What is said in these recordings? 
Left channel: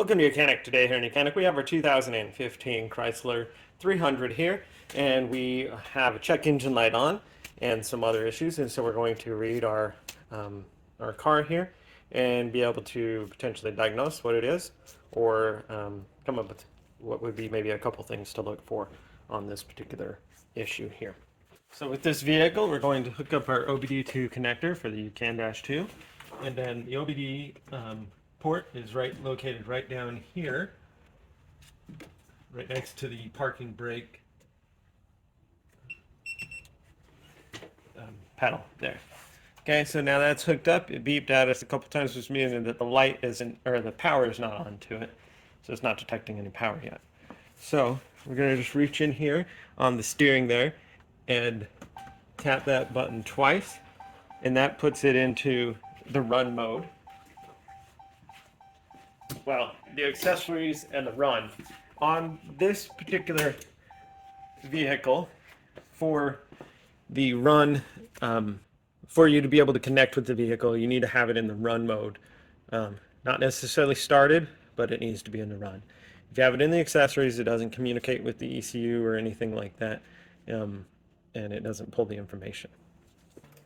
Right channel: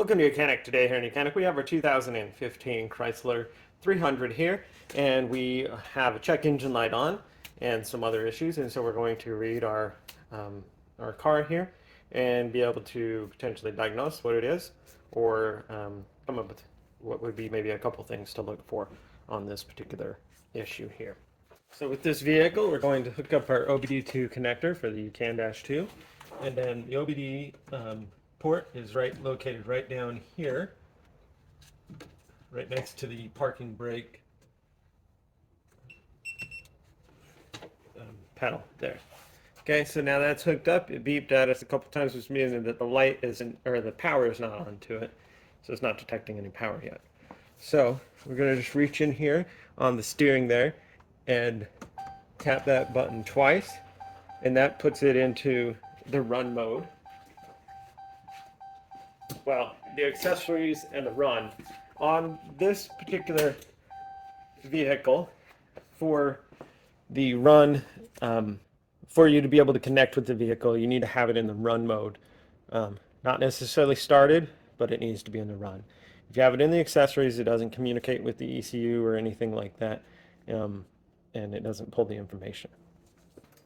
Welcome to Mechanic. Today here in Mechanic we have our 2015 Chrysler 300 here, and we have a check engine light on and some other issues, and so we're going to read our car here and be able to potentially diagnose what it is, or come up with what would be maybe a couple things to look for on this particular issue here. So with this vehicle, we're going to hook up our OBD-II connector for the CAN-2, and then the OBD port is located right down here, right next to the parking brake panel there. Okay, so now that's hooked up. It beeped at us a couple times, which means that the light isn't, or the power is not on to it, so it's not detecting any power yet. So we're going to just reach in here on the steering there and tap that button twice, and that puts it into the run mode. Well, the accessories and the run on this particular vehicle, for the run, for you to be able to connect with the vehicle, you need to have it in the run mode. Not necessarily started, but it needs to be in the run. If you have it in the accessories, it doesn't communicate with the ECU or anything like that, and it doesn't pull the information.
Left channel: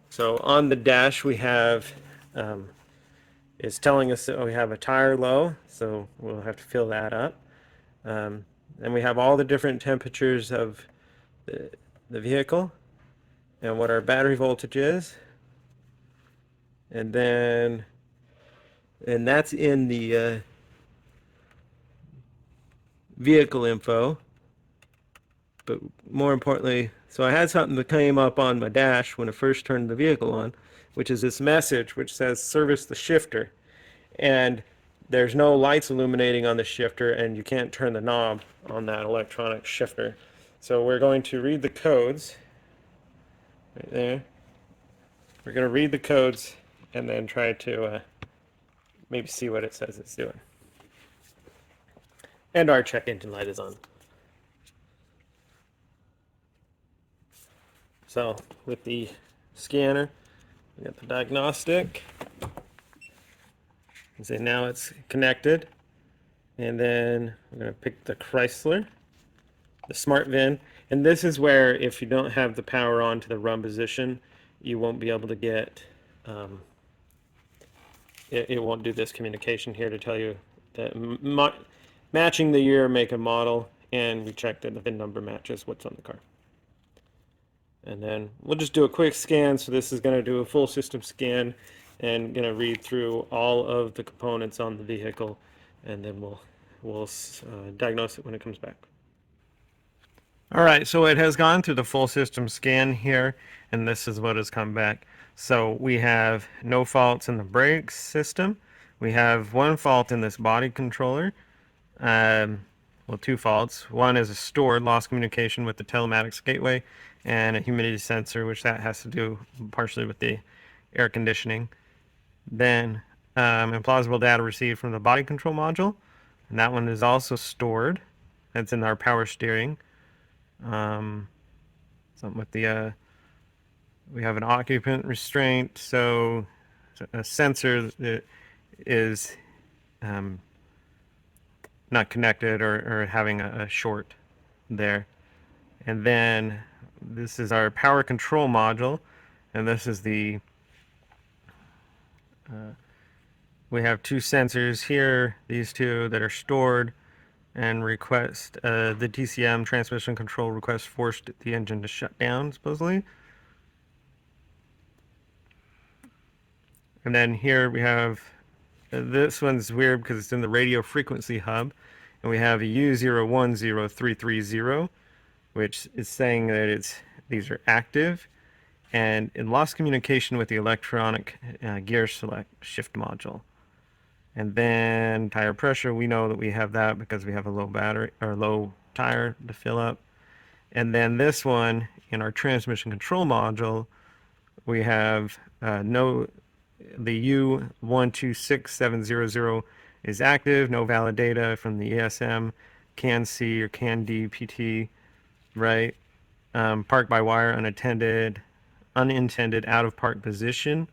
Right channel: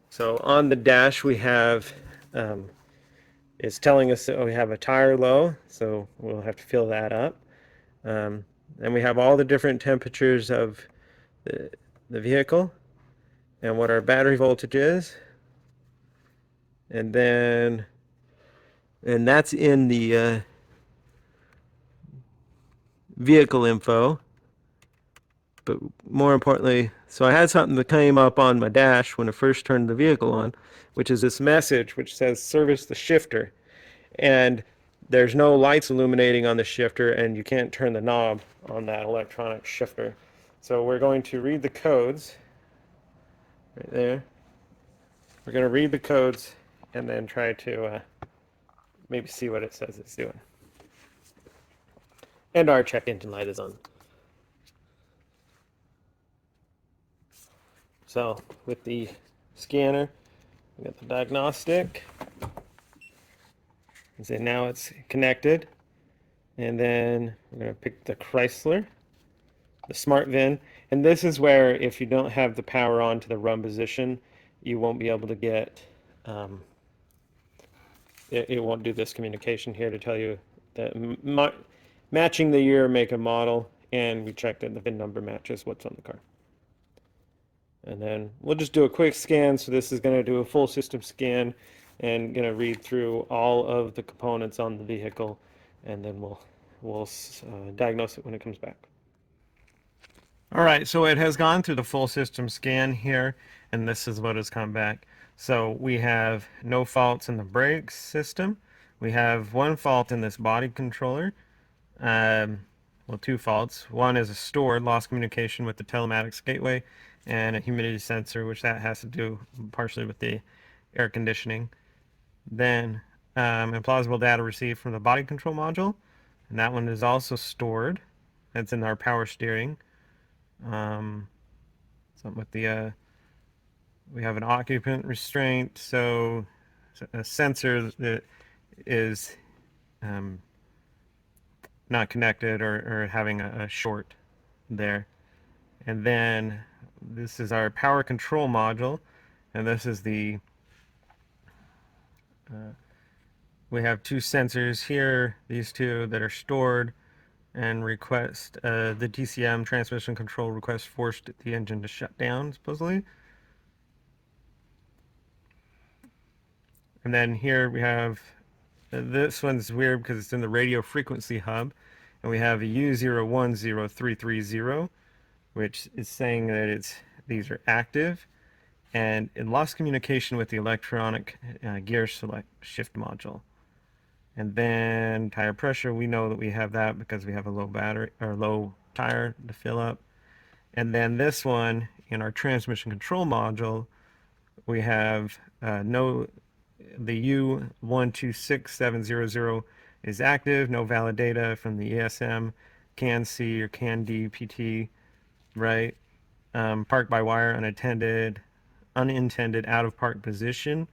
So on the dash we have it's telling us that we have a tire low, so we'll have to fill that up. And we have all the different temperatures of the vehicle and what our battery voltage is. And that's in the vehicle info. But more importantly, so I had something that came up on my dash when I first turned the vehicle on, which is this message which says service the shifter. And there's no lights illuminating on the shifter, and you can't turn the knob on that electronic shifter. So we're going to read the codes right there. We're going to read the codes and then try to maybe see what it says it's doing. And our check engine light is on. So with the scanner, we got the diagnostic. And so now it's connected. And then we're going to pick the Chrysler, the smart VIN. And this is where, if you don't have the power on to the run position, you won't be able to get, it won't do this communication here to tell you that matching the year, make, and model, and we check that the VIN number matches what's on the car. And then we'll just do a quick scan. So this is going to do a full system scan and going to read through all of the components on the vehicle, and then we'll diagnose it when it comes back. All right, so it has gone through the full system scan here, and this is what has come back. So we have no faults in the brake system. We have one fault in this body controller. Well, two faults. One is a stored lost communication with the telematics gateway, and a humidity sensor, which that has to do partially with the air conditioning. Then implausible data received from the body control module, and that one is also stored. That's in our power steering. Something with the we have an occupant restraint, so a sensor that is not connected or having a short there. And then this is our power control module, and this is the we have two sensors here, these two that are stored, and request the DCM transmission control request forced the engine to shut down, supposedly. And then here we have, this one's weird because it's in the radio frequency hub, and we have a U010330, which is saying that these are active, and it lost communication with the electronic gear select shift module. And then tire pressure, we know that we have that because we have a low battery or low tire to fill up. And then this one in our transmission control module, we have the U126700 is active, no valid data from the ESM, CAN-C or CAN-D PT, right? Parked by wire, unintended, out of park position.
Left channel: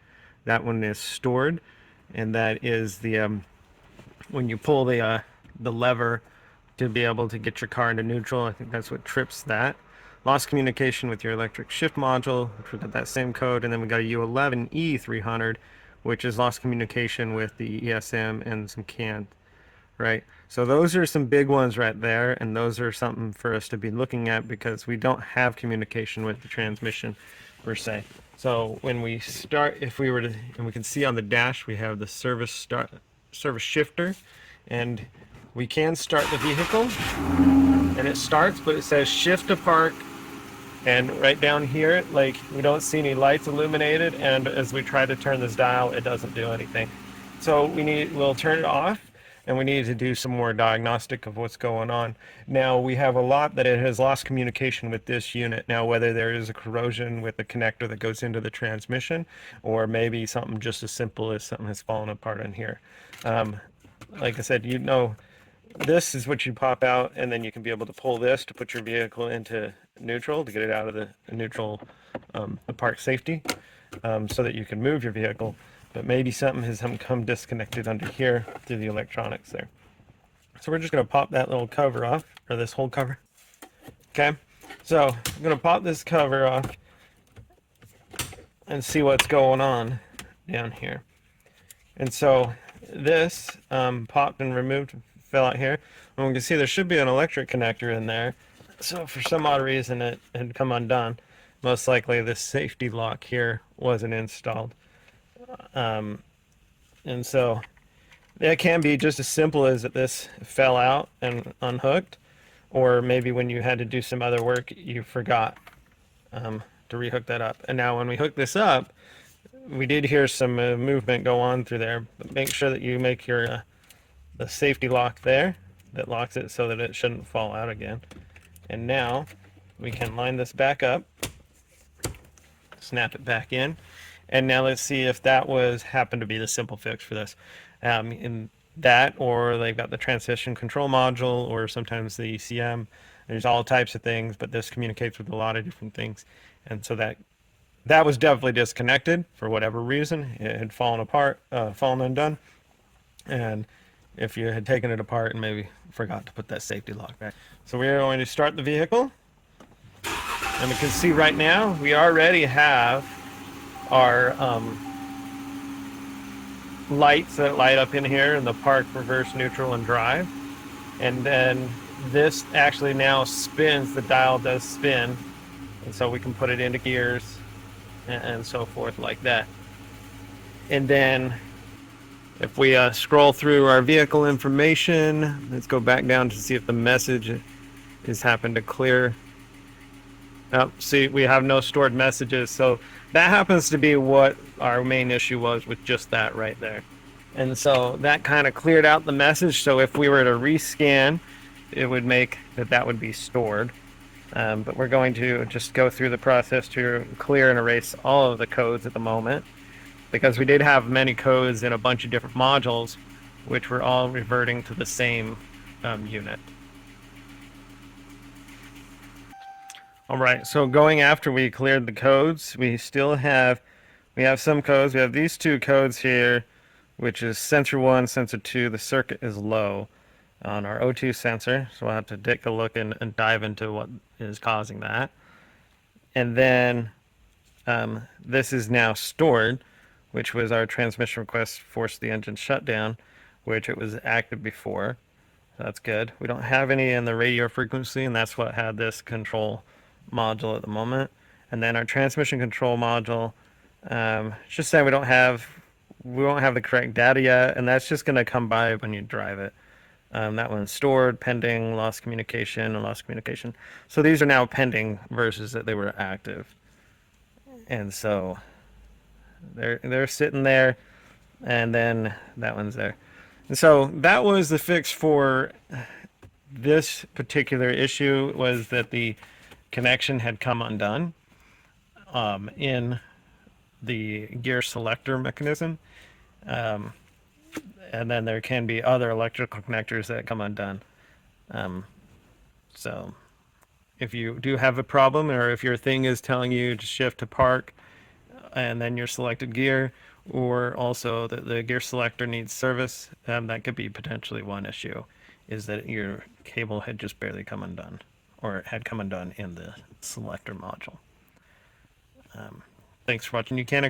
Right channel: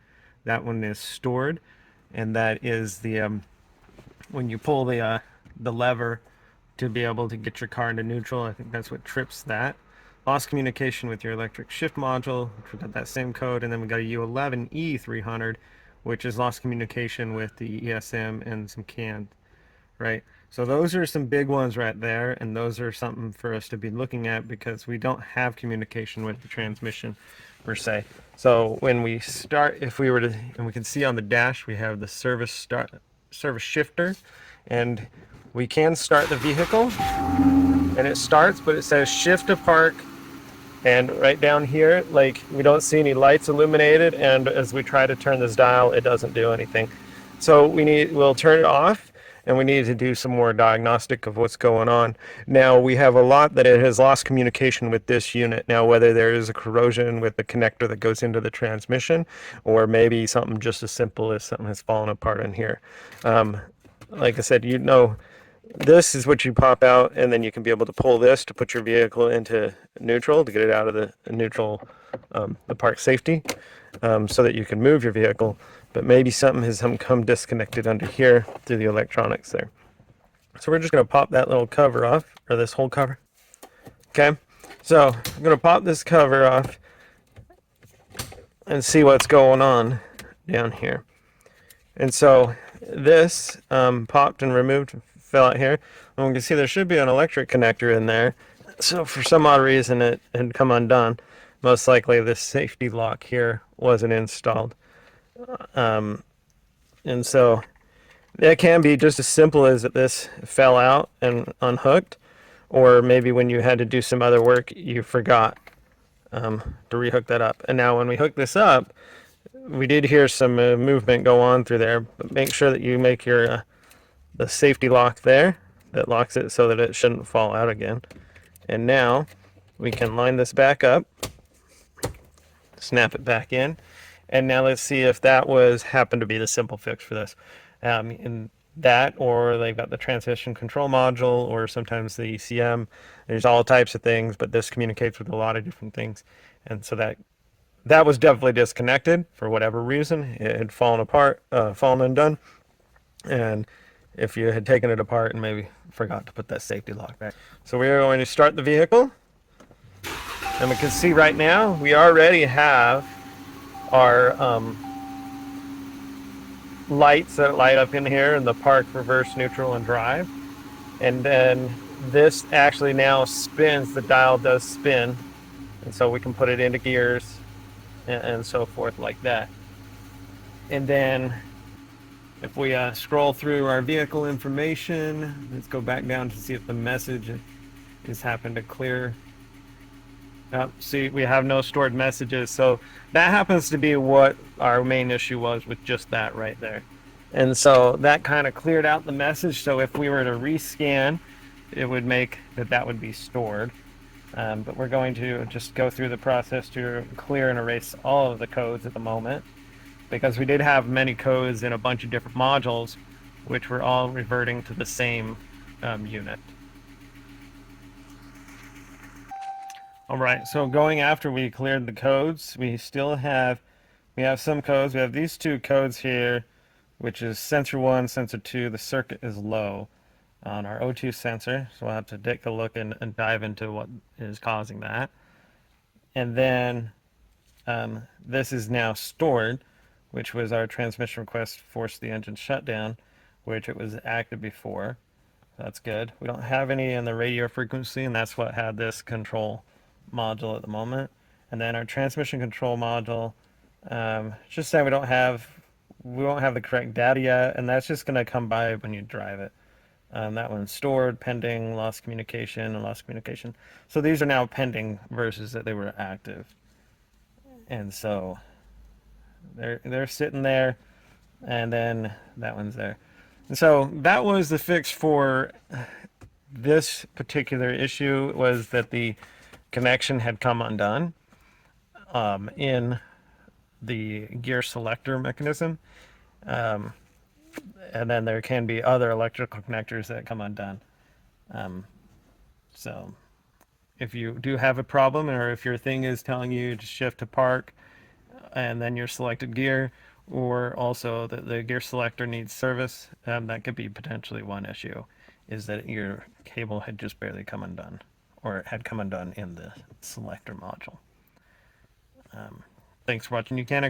That one is stored, and that is the when you pull the the lever to be able to get your car into neutral. I think that's what trips that. Lost communication with your electric shift module, which we got that same code, and then we got a U11E300, which is lost communication with the ESM and some CAN, right? So those are some big ones right there, and those are something for us to be looking at because we don't have communication with the transmission per se. So when we start, if we were to, and we can see on the dash, we have the service shifter, and we can start the vehicle, and it starts, but it says shift to park, and right down here, like, we don't see any lights illuminated, and as we try to turn this dial, it doesn't do anything. So we'll turn it off, and we need to do some more diagnostic of what's going on. Now, we have a lot that it has lost communication with this unit. Now, whether there is a corrosion with the connector that goes into the transmission, or maybe something just as simple as something has fallen apart in here. Like I said, this is what you pop out, and then you can be able to pull this to put your vehicle into neutral to get it out of the neutral, the park safety, so that you can move your vehicle. But maybe something has come disconnected under here through the electronics there. So we're just going to pop that little cover off, or this whole cover. Okay, so I'm going to pop this cover off and see what's going on down here. And so this popped and removed, fell out here, and we can see there should be an electric connector in there. So for some odd reason it had come undone. Most likely this safety lock here wasn't installed. And so that can be just as simple as that this fell out and unhooked, or maybe when you had to do some other work you forgot to rehook that up. And now when we hook this up, we did hear some movement go on through there, but make sure that you make your the safety lock there that locks it so that it shouldn't fall out again. And now we can line this back up, snap it back in, and now let's see if that happened to be the simple fix for this. In that, or they've got the transmission control module, or sometimes the ECM. There's all types of things, but this communicates with a lot of different things. And so that was definitely disconnected for whatever reason. It had fallen apart, fallen undone. And if you had taken it apart and maybe forgot to put that safety lock back. So we are going to start the vehicle. And we can see right now, we already have our lights that light up in here in the park, reverse, neutral, and drive. And then this actually now spins, the dial does spin. And so we can put it into gears and so forth like that. And then if we scroll through our vehicle information, let's go back down to see if the message has happened to clear. Oh, see, we have no stored messages. So that happens to be what our main issue was with just that right there. And so that kind of cleared out the message. So if we were to rescan, it would make that would be stored. But we're going to just go through the process to clear and erase all of the codes at the moment, because we did have many codes in a bunch of different modules, which were all reverting to the same unit. All right, so going after we cleared the codes, we have some codes. We have these two codes here, which is sensor 1, sensor 2. The circuit is low on our O2 sensor, so we'll have to take a look and dive into what is causing that. And then this is now stored, which was our transmission request forced the engine shutdown, which it was active before. That's good. We don't have any in the radio frequency, and that's what had this control module at the moment. And then our transmission control module, it's just that we won't have the correct data yet, and that's just going to come by when you drive it. That one's stored, pending, lost communication, and lost communication. So these are now pending versus that they were active. And so they're sitting there, and then that one's there. And so that was the fix for this particular issue, was that the connection had come undone in the gear selector mechanism. And then there can be other electrical connectors that come undone. So if you do have a problem, or if your thing is telling you to shift to park and then your selected gear, or also that the gear selector needs service. That could be potentially one issue, is that your cable had just barely come undone, or had come undone in the selector module. Thanks for watching. You can